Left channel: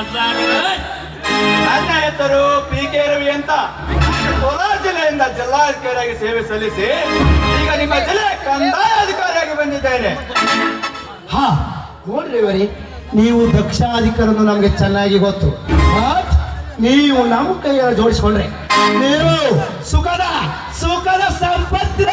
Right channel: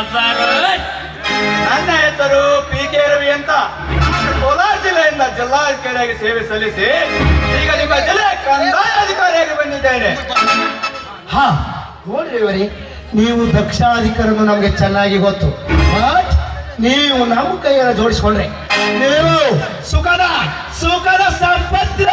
ಹೆಸರು ನನ್ನ ಹೆಸರು ಪಿ ಕೆ ರವಿ ಅಂತ. ಕೋಲಾರ ಜಿಲ್ಲೆಯಿಂದ ಜಿಲ್ಲಾಧಿಕಾರಿಯಾಗಿ ಸೇವೆ ಸಲ್ಲಿಸಿ ಈಗ ನಿಮ್ಮ ಜಿಲ್ಲೆ ಕಂದಾಯ ಅಧಿಕಾರಿಯಾಗಿ ಬಂದಿದ್ದೇನೆ. ಹಾ ನೋಡ್ರಿ ಇವರೇ ನೀವು ದಕ್ಷಾಧಿಕಾರನು ನಮಗೆ ಚೆನ್ನಾಗಿ ಗೊತ್ತು. ಬಟ್ ನೀವು ನಮ್ಮ ಕೈಯನ್ನು ಜೋಡಿಸ್ಕೊಂಡ್ರೆ ನೀವು ಸುಖದ ಸುಖದ ಸಂಪತ್ತು.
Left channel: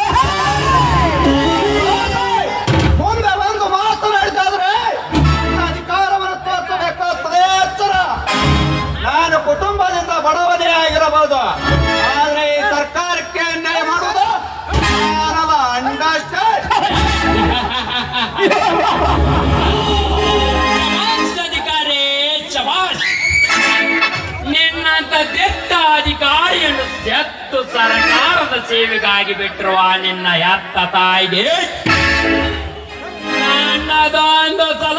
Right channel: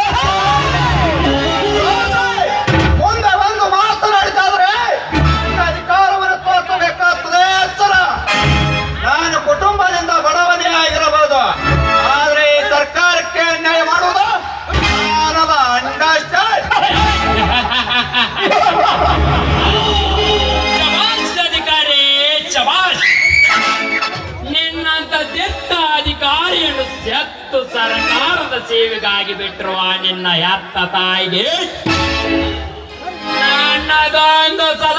ನಿನ್ನಂತ ದಿಟ್ಟ ಅಧಿಕಾರಿಯನ್ನು ಸೆತ್ತು ಸರ್ಕಾರದ ಸೇವೆಗಾಗಿ ಬಿಟ್ಟಿರುವ ನಿನ್ನ ಎತ್ತ ತಾಯಿಗೆ. ನನ್ನದೊಂದು ಸಲ.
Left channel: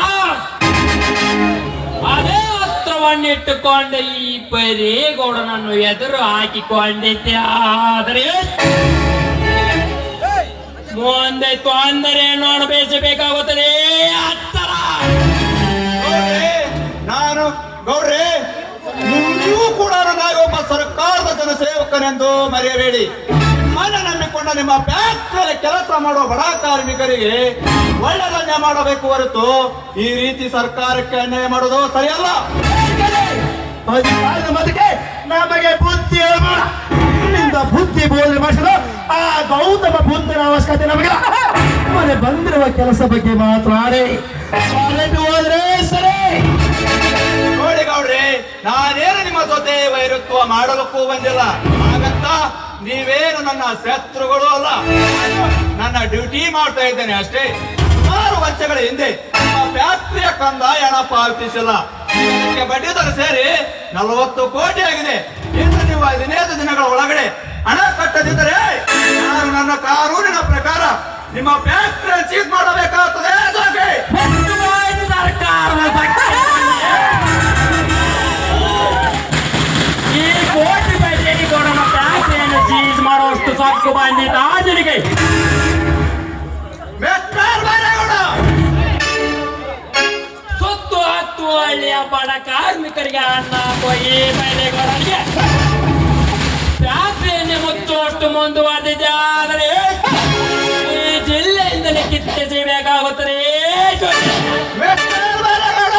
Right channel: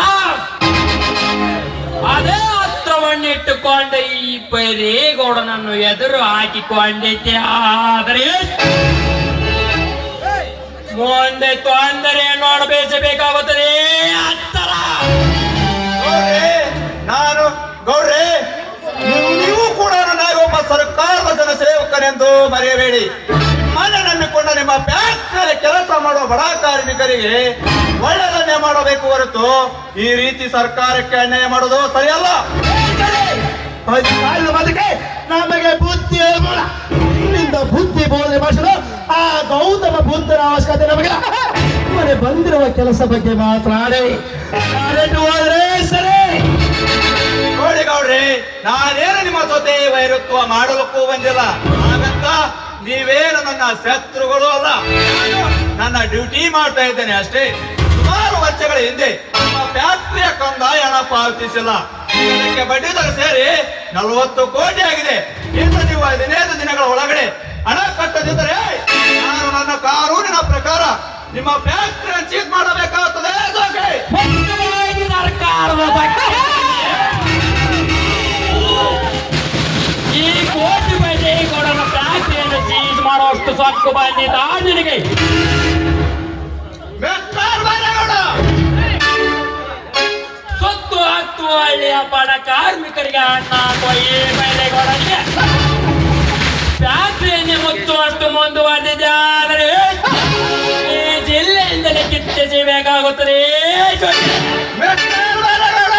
ಅದೇ ಅಸ್ತ್ರವನ್ನಿಟ್ಟುಕೊಂಡು ಈ ಬರೀಗೌಡನನ್ನು ಎದುರು ಹಾಕಿಕೊಂಡಿದ್ದೆ. ಆದರೆ ಮುಂದೆ ತೊಂದರೆ ನೋಡಬೇಸಬೇಕಾಗುತ್ತದೆ ಅತ್ತರ ನಾನು ಗೌಡ್ರೆ. ಜನಸೇವಕನೆಂದು ಮರೆಯಬೇಡಿ. ನಿಮ್ಮನ್ನ ನಂಬಿಕೊಂಡ ನಿಮ್ಮ ಫ್ಯಾಕ್ಟರಿಯಲ್ಲಿ ಕೆಲಸ ಮಾಡುವ ಬಡ ಕಾರ್ಮಿಕರಿಗೆ ಒಳ್ಳೆಯದನ್ನೇ ಮಾಡಬೇಕು ಹೊರತು ಈ ರೀತಿ ಸರ್ಕಾರಕ್ಕೆ ಅನ್ಯಾಯ ಮಾಡೋದು ಸರಿಯಲ್ಲ. ನಮಗೆ ಬುದ್ಧಿ. ನಿನ್ನಿಂದ ಬುದ್ಧಿ ಬೋಧನೆ ಮಾಡಿಸಲು ಆ ಗೌತಮ ಬುದ್ಧನ ಅವಶ್ಯಕತೆ ನಮಗೆ ಮನೆ ಬಂದಿರುವ ಕೆಲಸ ಬಗ್ಗೆ ಶಾಲೆಗೆ ಹೋದ್ರೆ ಸರಿ. ಗೌಡ್ರಿ, ನಾನೇನು ನಿಮ್ಮ ಜೊತೆ ವೈರತ್ವ ಮಾಡಲಿಕ್ಕೂ ಬಂದಿಲ್ಲ. ಹಾಗಂತ ನೀವೇನು ನನ್ನ ಶತ್ರುಗಳು ಅಲ್ಲ. ನಾನು ನನ್ನ ಡ್ಯೂಟಿ ಮಾಡ್ತಾ ಇದ್ದೇನೆ ಅಷ್ಟೇ. ಸುಮಾರು ವರ್ಷಗಳ ಹಿಂದೆ ನಮ್ಮ ಫ್ಯಾಕ್ಟರಿಯ ಕಂದಾಯ ಹಣ ಪಾವತಿಸಿಲ್ಲ. ಇದಕ್ಕೆ ಬಡ್ಡಿ ದರ ಸೇರಿ ನಲವತ್ತು ಕೋಟಿ ಆಗಿದೆ. ಇನ್ನು ನೀವು ಹದಿನೈದು ದಿನಗಳ ಒಳಗಡೆ ಹಣ ಕಟ್ಟದಿದ್ದರೆ ನಾನು ನನ್ನ ಕಾನೂನಿನ ಪ್ರಕಾರ ನಿಮ್ಮ ಫ್ಯಾಕ್ಟರಿ ಸೀಸ್ ಮಾಡಬೇಕಾಗುತ್ತದೆ ಮಿಸ್ಟರ್ ಬೈರೇಗೌಡ, ಸುತ್ತು ಹತ್ತು ಹಳ್ಳಿಯ ಬಡ ಕಾರ್ಮಿಕರಿಗೆ ಅನ್ನ ಹಾಕುವ ಈ ಬೈಲೇಗೌಡನಿಗೆ ಫ್ಯಾಕ್ಟರಿಯನ್ನೇ ಮುಚ್ಚುವಷ್ಟು ಮುಂದುವರೆದಿದೆ ಆದರೆ ಈ ಜಿಲ್ಲೆಯಿಂದಲೇ ಬೈರೇಗೌಡ,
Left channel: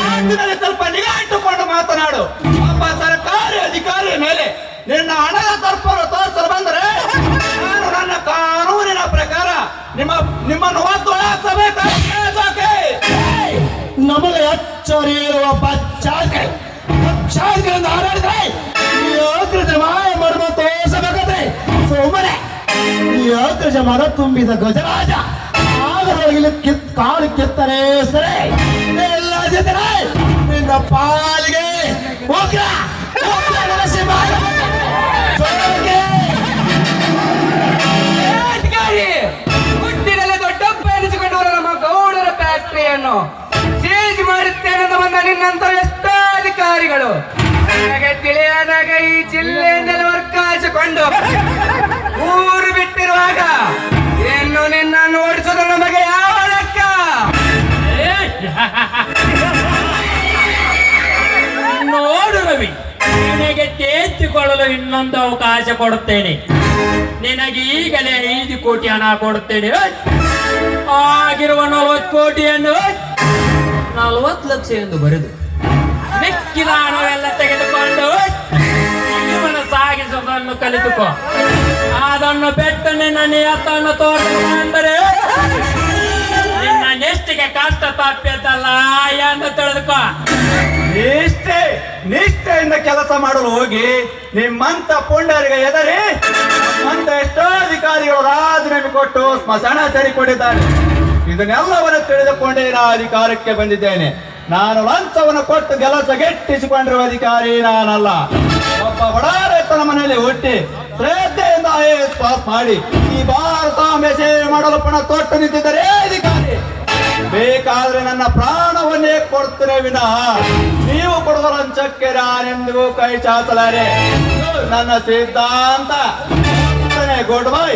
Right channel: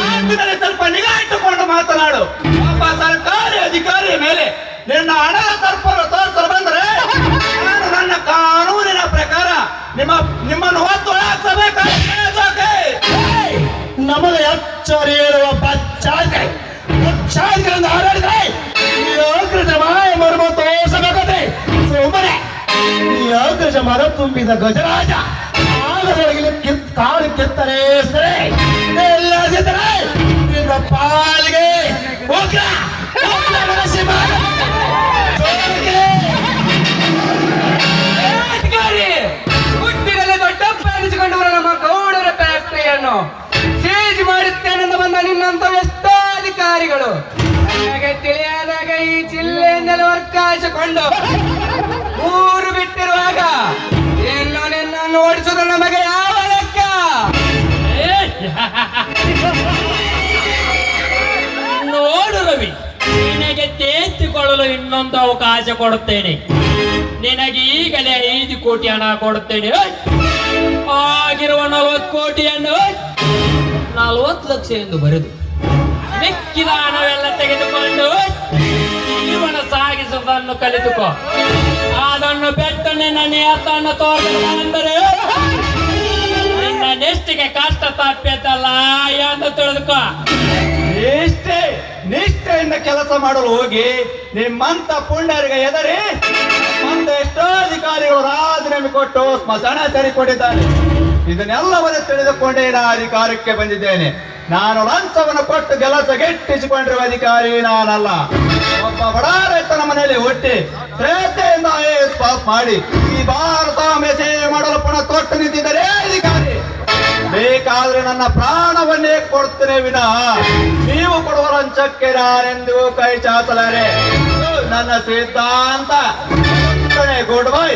ಮಾತಿನಲ್ಲಿ ಸ್ವಲ್ಪ ನಿಗಾ ಇಟ್ಟುಕೊಂಡು ಮಾತನಾಡು. ಒಬ್ಬ ಸರ್ಕಾರಿ ಅಧಿಕಾರಿ ಮೇಲೆ ನಿನ್ನ ಹಣ ತರ್ಪರು ನಿಮ್ಮ ಹಾಕಬೇಕಾಗುತ್ತೆ ನಮಗೆ ಎಚ್ಚರಿ ಇರುವ ಬಚ್ಚಾಕೈ ಬಚ್ಚಾಕರಿಂದ ಹಾರಾಡಿದ್ರೆ ಯೋಗ್ರಜ ಮಾಯ ಮರ್ಮ ತೋರಿಸಬೇಕಾದ್ರೆ ಸೋಮನೆ ಯೋಗ್ರಜ ಮರ ತುಂಬಿದ ಗಜರಾಜ ಆಗದೊಳಗಿನ ಕಿತ್, ಕಾಲು ಕಿತ್ತರೆ ಸರಿ. ನನಗೆ ತಿಳಿಯದಾಗ ಈ ಜಿಲ್ಲೆಯಿಂದಲೇ ವರ್ಗಾಯಿಸಿಕೊಂಡು ಊರು ಬಿಟ್ಟಿರುವಾಗ ಏನು ನಿನ್ನನ್ನು ಓಡಿಸೋದು ನಮಗೆ ಯಾವ ಲೆಕ್ಕ? ನೋಡು ರವಿ ನಿನಗೆ ತೇಚಿಕೊಳ್ಳಲು ಇನ್ನೊಂದು ಅವಕಾಶ ಕೊಡುತ್ತೇನೆ. ನಿನಗೆ ಈಗಲೇ ಐದು ಕೋಟಿ ಹಣ ಕೊಡುತ್ತೇನೆ. ಆಗಿರುವ ನಲವತ್ತು ಕೋಟಿಯನ್ನು ನಲವತ್ತು ಲಕ್ಷ ಎಂದು ಬರೆದು ಮಿಕ್ಕಿದ ಹಣವೆಲ್ಲ ತೆಗೆದುಕೊಂಡು ಜೀವನ ಸಾಗಿಸುವುದನ್ನು ಕಲಿತುಕೋ. ಅದನ್ನು ಬೆಟ್ಟು ನಿನ್ನ ನಿಯತ್ತನ್ನು ತೋರಿಸಲು ಅಂದರೆ ನಿನ್ನ ನೆಷ್ಟಿಗೆ ಕಷ್ಟ ತಪ್ಪಿದ್ದಲ್ಲ ಎಂದು ತಿಳಿದುಕೋ. ನಿಷ್ಠೆ, ನಿಷ್ಠೆಯಿಂದ ಕೆಲಸ ಮಾಡಲು ಹೋಗಿ ನಿಮ್ಮಂತ ಪುಂಡರಿಗೆ ಎದರಿ ಮುಂದೆ ಎಷ್ಟೋ ಅಧಿಕಾರಿಗಳು ರಾಜೀನಾಮೆ ಕೊಟ್ಟು ಸ್ಮಶಾನ ಸೇರಿಕೊಂಡಿದ್ದಾರೆ ಇದನ್ನೆಲ್ಲವನ್ನು ತಿಳಿದುಕೊಂಡೇ ನಾನು ಅಧಿಕಾರಕ್ಕೆ ಬಂದಿದ್ದೇನೆ. ನಾನು ಲಂಚವನ್ನು ಕೊಟ್ಟು ಕೆಲಸ ಗೆಟ್ಟಿಸಿಕೊಂಡಿರುವ ಅಧಿಕಾರಿ ನಾನಲ್ಲ. ಒಬ್ಬ ಬಡ ರೈತನ ಮನೆಯಲ್ಲಿ ಹುಟ್ಟಿ ಶ್ರದ್ಧೆಯಿಂದ ಐ ಪಾಸ್ ಮಾಡಿ ಈ ಭಾರತ ಮೆಸೇಜ್ ಮಾಡಲು ಪಣ ತೊಟ್ಟು ನಿಂತಿದ್ದಾರೆ ಅಧಿಕಾರಿ. ಬೇಕಾದ್ರೆ ನನ್ನ ಪ್ರಾಣವನ್ನೇ ಕೊಡ್ತೇನೆ ವಿನ. ನೀವು ಕೊಡುವ ಲಂಚಕ್ಕೆ ನಾನೆಂದು ಕೈ ಚಾಚಲಾರೆ. ನನ್ನ ಸಿದ್ಧಾಂತ. Good bye